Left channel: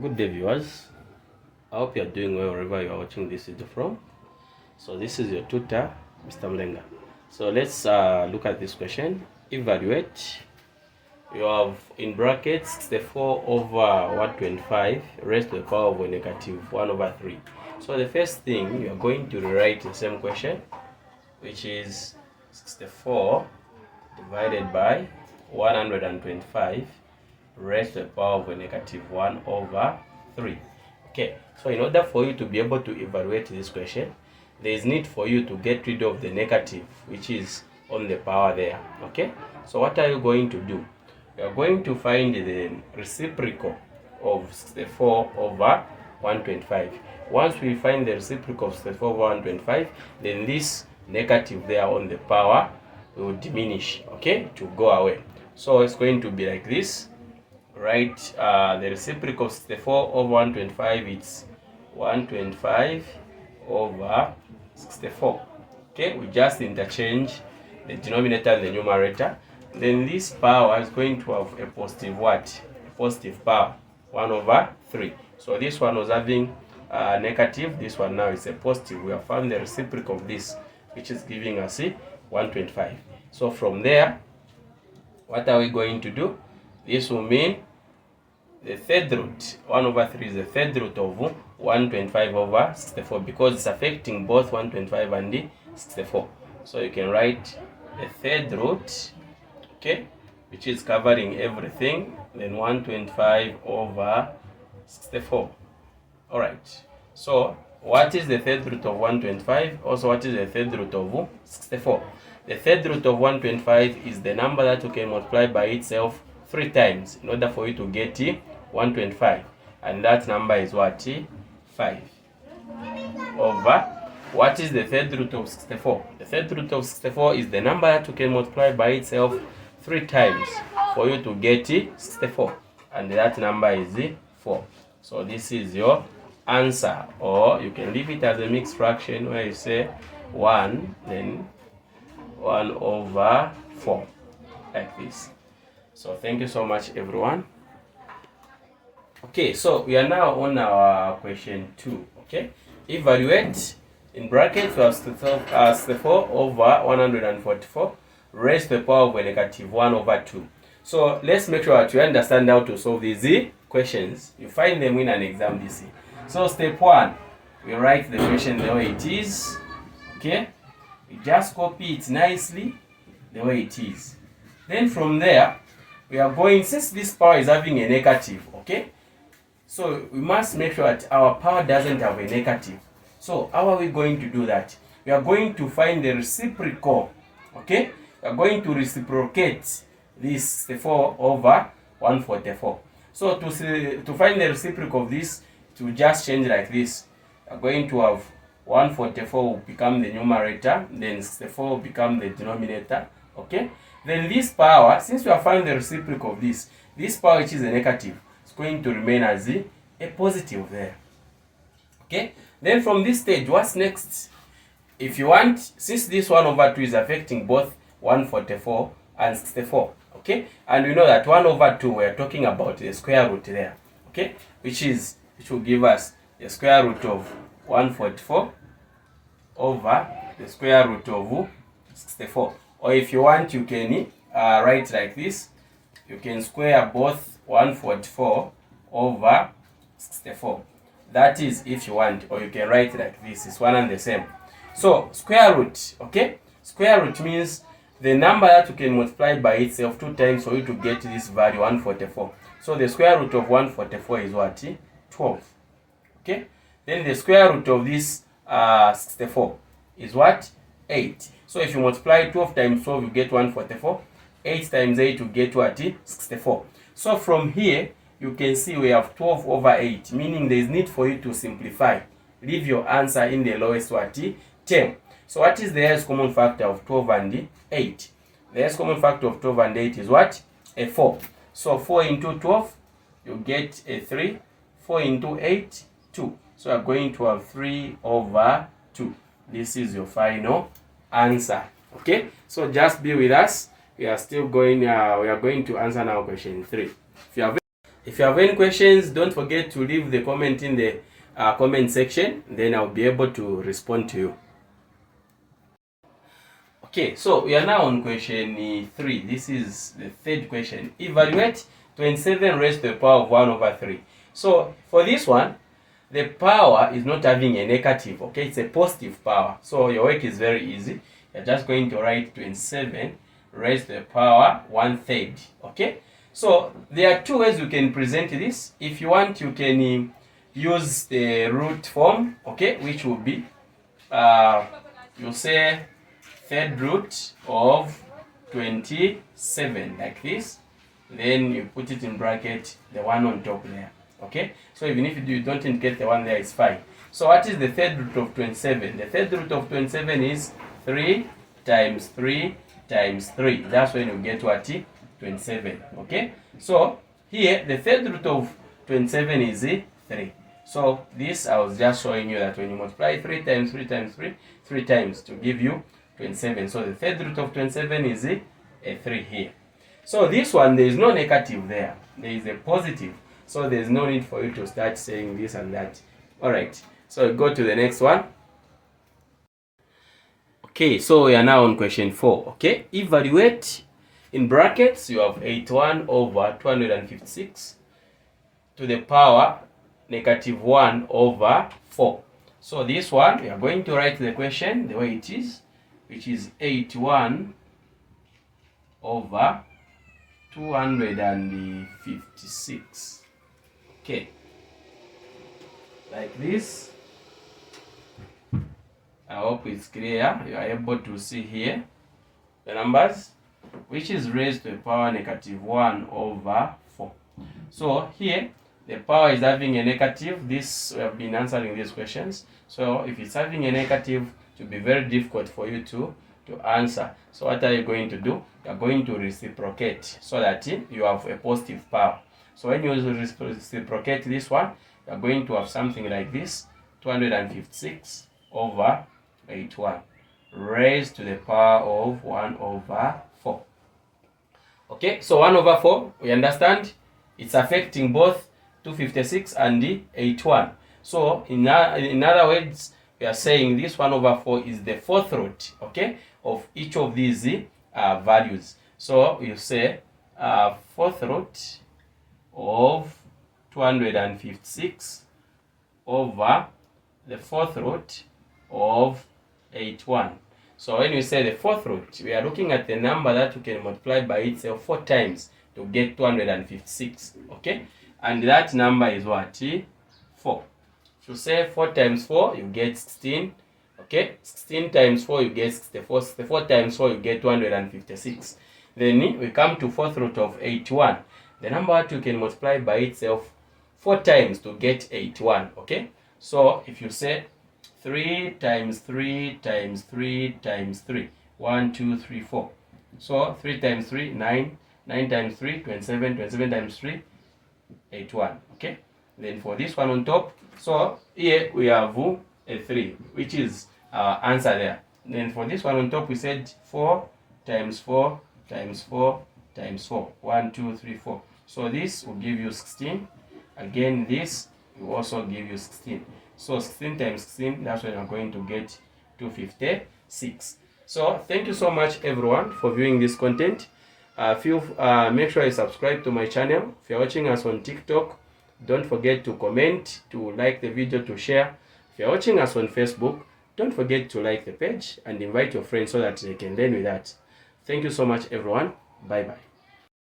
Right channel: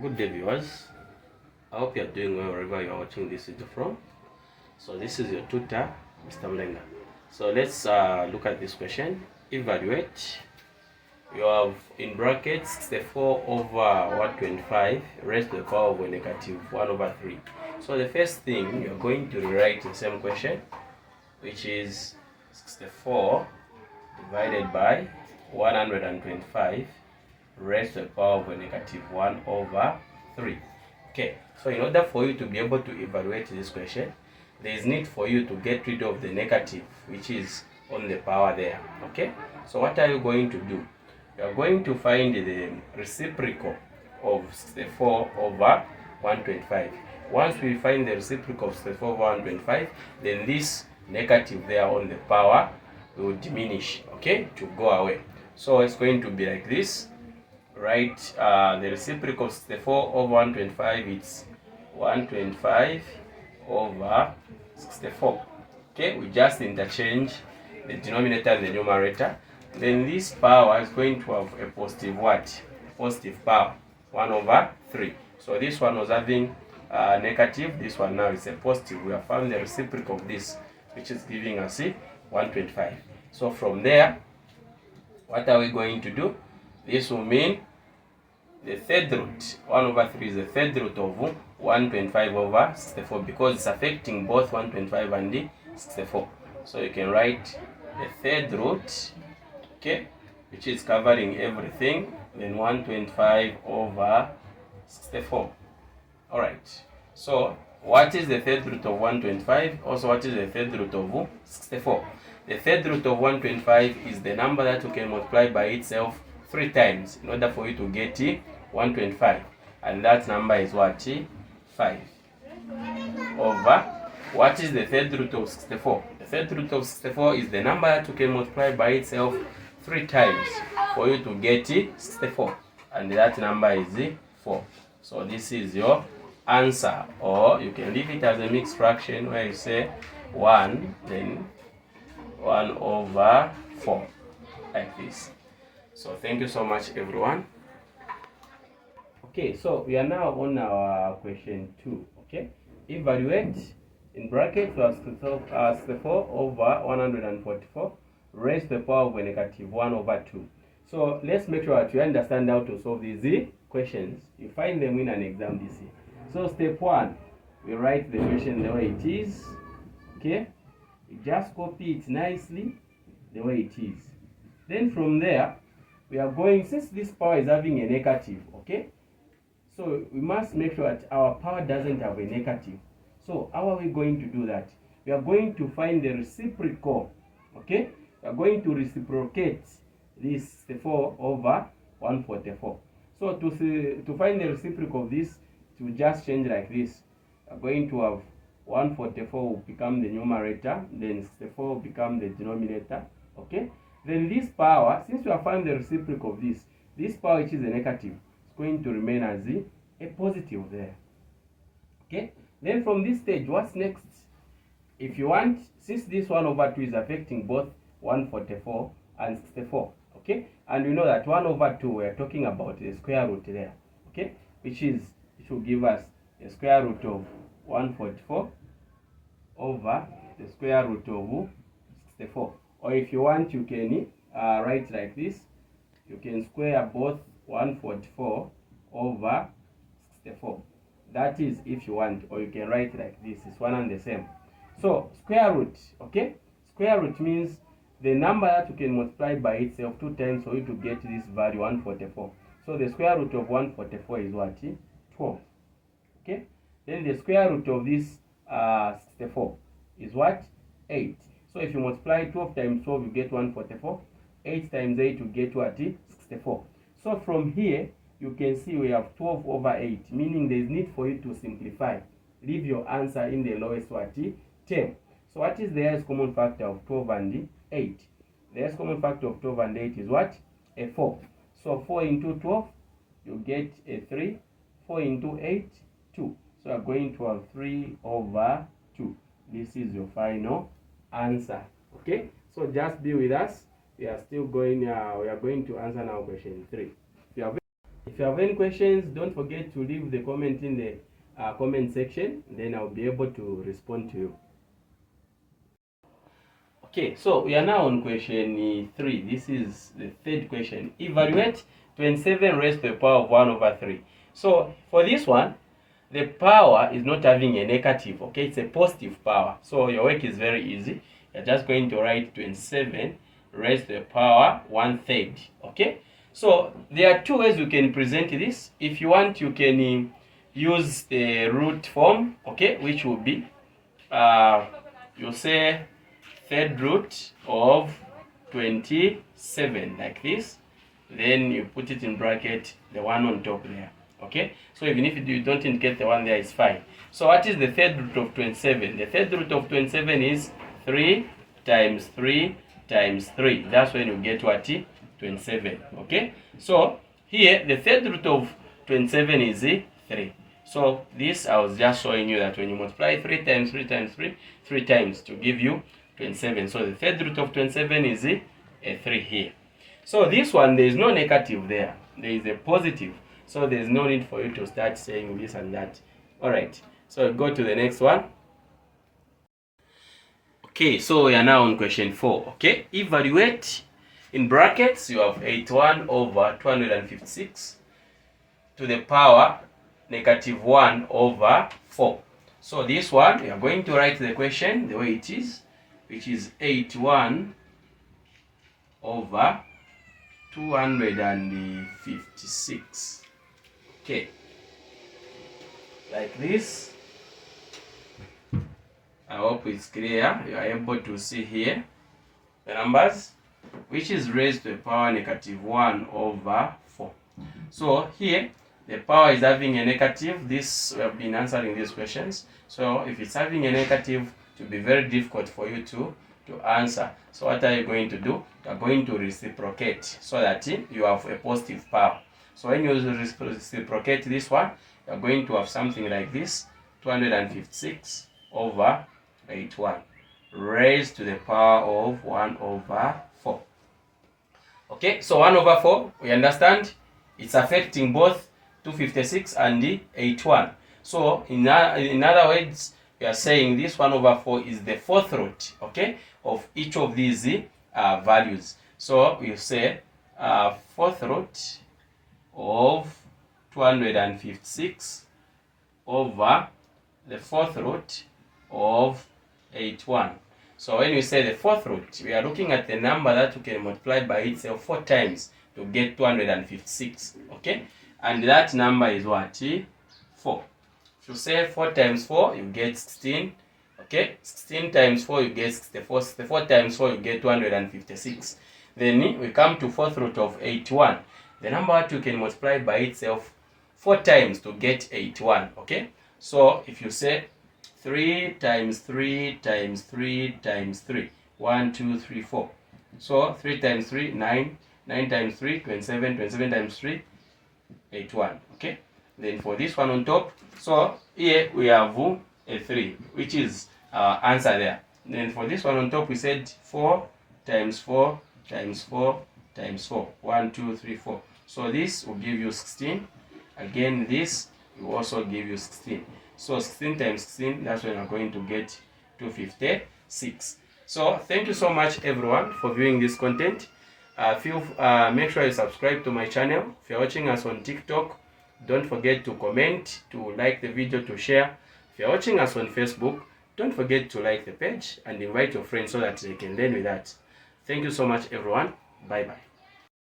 Good day, viewers. I hope you are doing well wherever you are watching this video from. So this is your tutor, Mr. Mlenga. So let's look at this question. Evaluate. You have in brackets the 4 over 125 raised to the power of a negative 1 over 3. So the first thing you are going to rewrite the same question, which is 64 divided by 125 raised to the power of a negative 1 over 3. Okay, so in order for you to be able to evaluate this question, there is need for you to get rid of the negative which is on the power there. Okay, so what are you going to do? You are going to find the reciprocal of 64 over 125. Once we find the reciprocal of 64 over 125, then this negative there on the power will diminish, okay, to go away. So it's going to be like this. Right, the reciprocal of 64 over 125, it's 125 over 64. Okay, we just interchange the denominator and the numerator. Then this power is going to have a positive what? Positive power, 1 over 3. So this one was having negative, this one now is a positive. We have found the reciprocal of this, which is giving us 125. So from there, what are we going to do? This will mean the third root, 1 over 3 is the third root of 125 over 64 because it's affecting both 125 and 64. So you can write the third root, okay, which is covering everything, then 125 over 64. Alright, so what is the third root of 125? Also, what is the third root of 64? The third root of 125 is the number that you can multiply by itself 3 times in order for you to get 125, and that number is what? 5 over what is the third root of 64? The third root of 64 is the number that you can multiply by itself 3 times for you to get 64, and that number is 4. So this is your answer, or you can leave it as a mixed fraction where you say 1 then 1 over 4, like this. So thank you so much, everyone. Okay, so we are now on our question 2. Okay, evaluate. In brackets we have 64 over 144 raised to the power of a negative 1 over 2. So let's make sure that you understand how to solve these questions. You find them in an exam this year. So step 1, we write the question the way it is. Okay, we just copy it nicely the way it is. Then from there, we are going, since this power is having a negative, okay, so we must make sure that our power doesn't have a negative. So how are we going to do that? We are going to find the reciprocal, okay? We are going to reciprocate this 64 over 144. So to find the reciprocal of this, to just change like this. We are going to have 144 will become the numerator, then 64 will become the denominator, okay? Then this power, since we have found the reciprocal of this power which is a negative, it's going to remain as a positive there. Okay? Then from this stage, what's next? If you want, since this 1 over 2 is affecting both 144 and 64, okay? And we know that 1 over 2, we are talking about the square root there, okay? Which will give us the square root of 144 over the square root of 64. Or if you want, you can write like this. You can square both 144 over 64. That is if you want, or you can write like this. It's one and the same. So square root, okay? Square root means the number that you can multiply by itself 2 times for you to get this value 144. So the square root of 144 is what? 12. Okay? Then the square root of this 64 is what? 8. So if you multiply 12 times 12, you get 144. 8 times 8, you get what? 64. So from here, you can see we have 12 over 8, meaning there is need for you to simplify. Leave your answer in the lowest what? 10. So what is the highest common factor of 12 and 8? The highest common factor of 12 and 8 is what? A 4. So 4 into 12, you get a 3. 4 into 8, 2. So you are going to have 3 over 2. This is your final answer. Okay, so just be with us. We are still going. We are going to answer now question 3. If you have If you have any questions, don't forget to leave the comment in the comment section, then I'll be able to respond to you. Okay, so we are now on question 3. This is the third question. Evaluate 27 raised to the power of 1 over 3. So for this one, the power is not having a negative, okay? It's a positive power. So your work is very easy. You're just going to write 27 raised to the power 1/3, okay? So there are two ways you can present this. If you want, you can use the root form, okay, which will be, you'll say third root of 27, like this. Then you put it in bracket, the one on top there, okay? So even if you don't get the one there, it's fine. So what is the third root of 27? The third root of 27 is 3 times 3 times 3. That's when you get what? 27, okay? So here, the third root of 27 is 3. So this, I was just showing you that when you multiply 3 times 3 times 3, 3 times to give you 27. So the third root of 27 is a 3 here. So this one, there is no negative there. There is a positive. So there is no need for you to start saying this and that. Alright, so go to the next one. Okay, so we are now on question 4. Okay, evaluate, in brackets, you have 81 over 256 to the power negative 1 over 4. So this one, we are going to write the question the way it is, which is 81 over 256. Okay, like this. I hope it's clear. You are able to see here the numbers, which is raised to the power negative 1 over 4. So here, the power is having a negative. This, we have been answering these questions. So if it's having a negative, it will be very difficult for you to answer. So what are you going to do? You are going to reciprocate so that you have a positive power. So when you reciprocate this one, you are going to have something like this, 256 over 81 raised to the power of 1 over 4. Okay, so 1 over 4, we understand it's affecting both 256 and the 81. So in other words, we are saying this 1 over 4 is the fourth root, okay, of each of these values. So we say fourth root of 256 over the fourth root of 81. So when we say the fourth root, we are looking at the number that you can multiply by itself 4 times to get 256, okay? And that number is what? 4. If you say 4 times 4, you get 16, okay? 16 times 4, you get 64. 64 times 4, you get 256. Then we come to fourth root of 81. The number that you can multiply by itself 4 times to get 81, okay? So if you say 3 times 3 times 3 times 3, 1, 2, 3, 4. So 3 times 3, 9. 9 times 3, 27. 27 times 3, 81, okay? Then for this one on top, so here we have a 3, which is our answer there. Then for this one on top, we said 4 times 4 times 4 times 4. 1, 2, 3, 4. So this will give you 16. Again, this will also give you 16. So 16 times 16, that's when we're going to get 256. So thank you so much everyone for viewing this content. Make sure you subscribe to my channel. If you're watching us on TikTok, don't forget to comment, to like the video, to share. If you're watching us on Facebook, don't forget to like the page and invite your friends so that they can learn with that. Thank you so much everyone. Bye bye.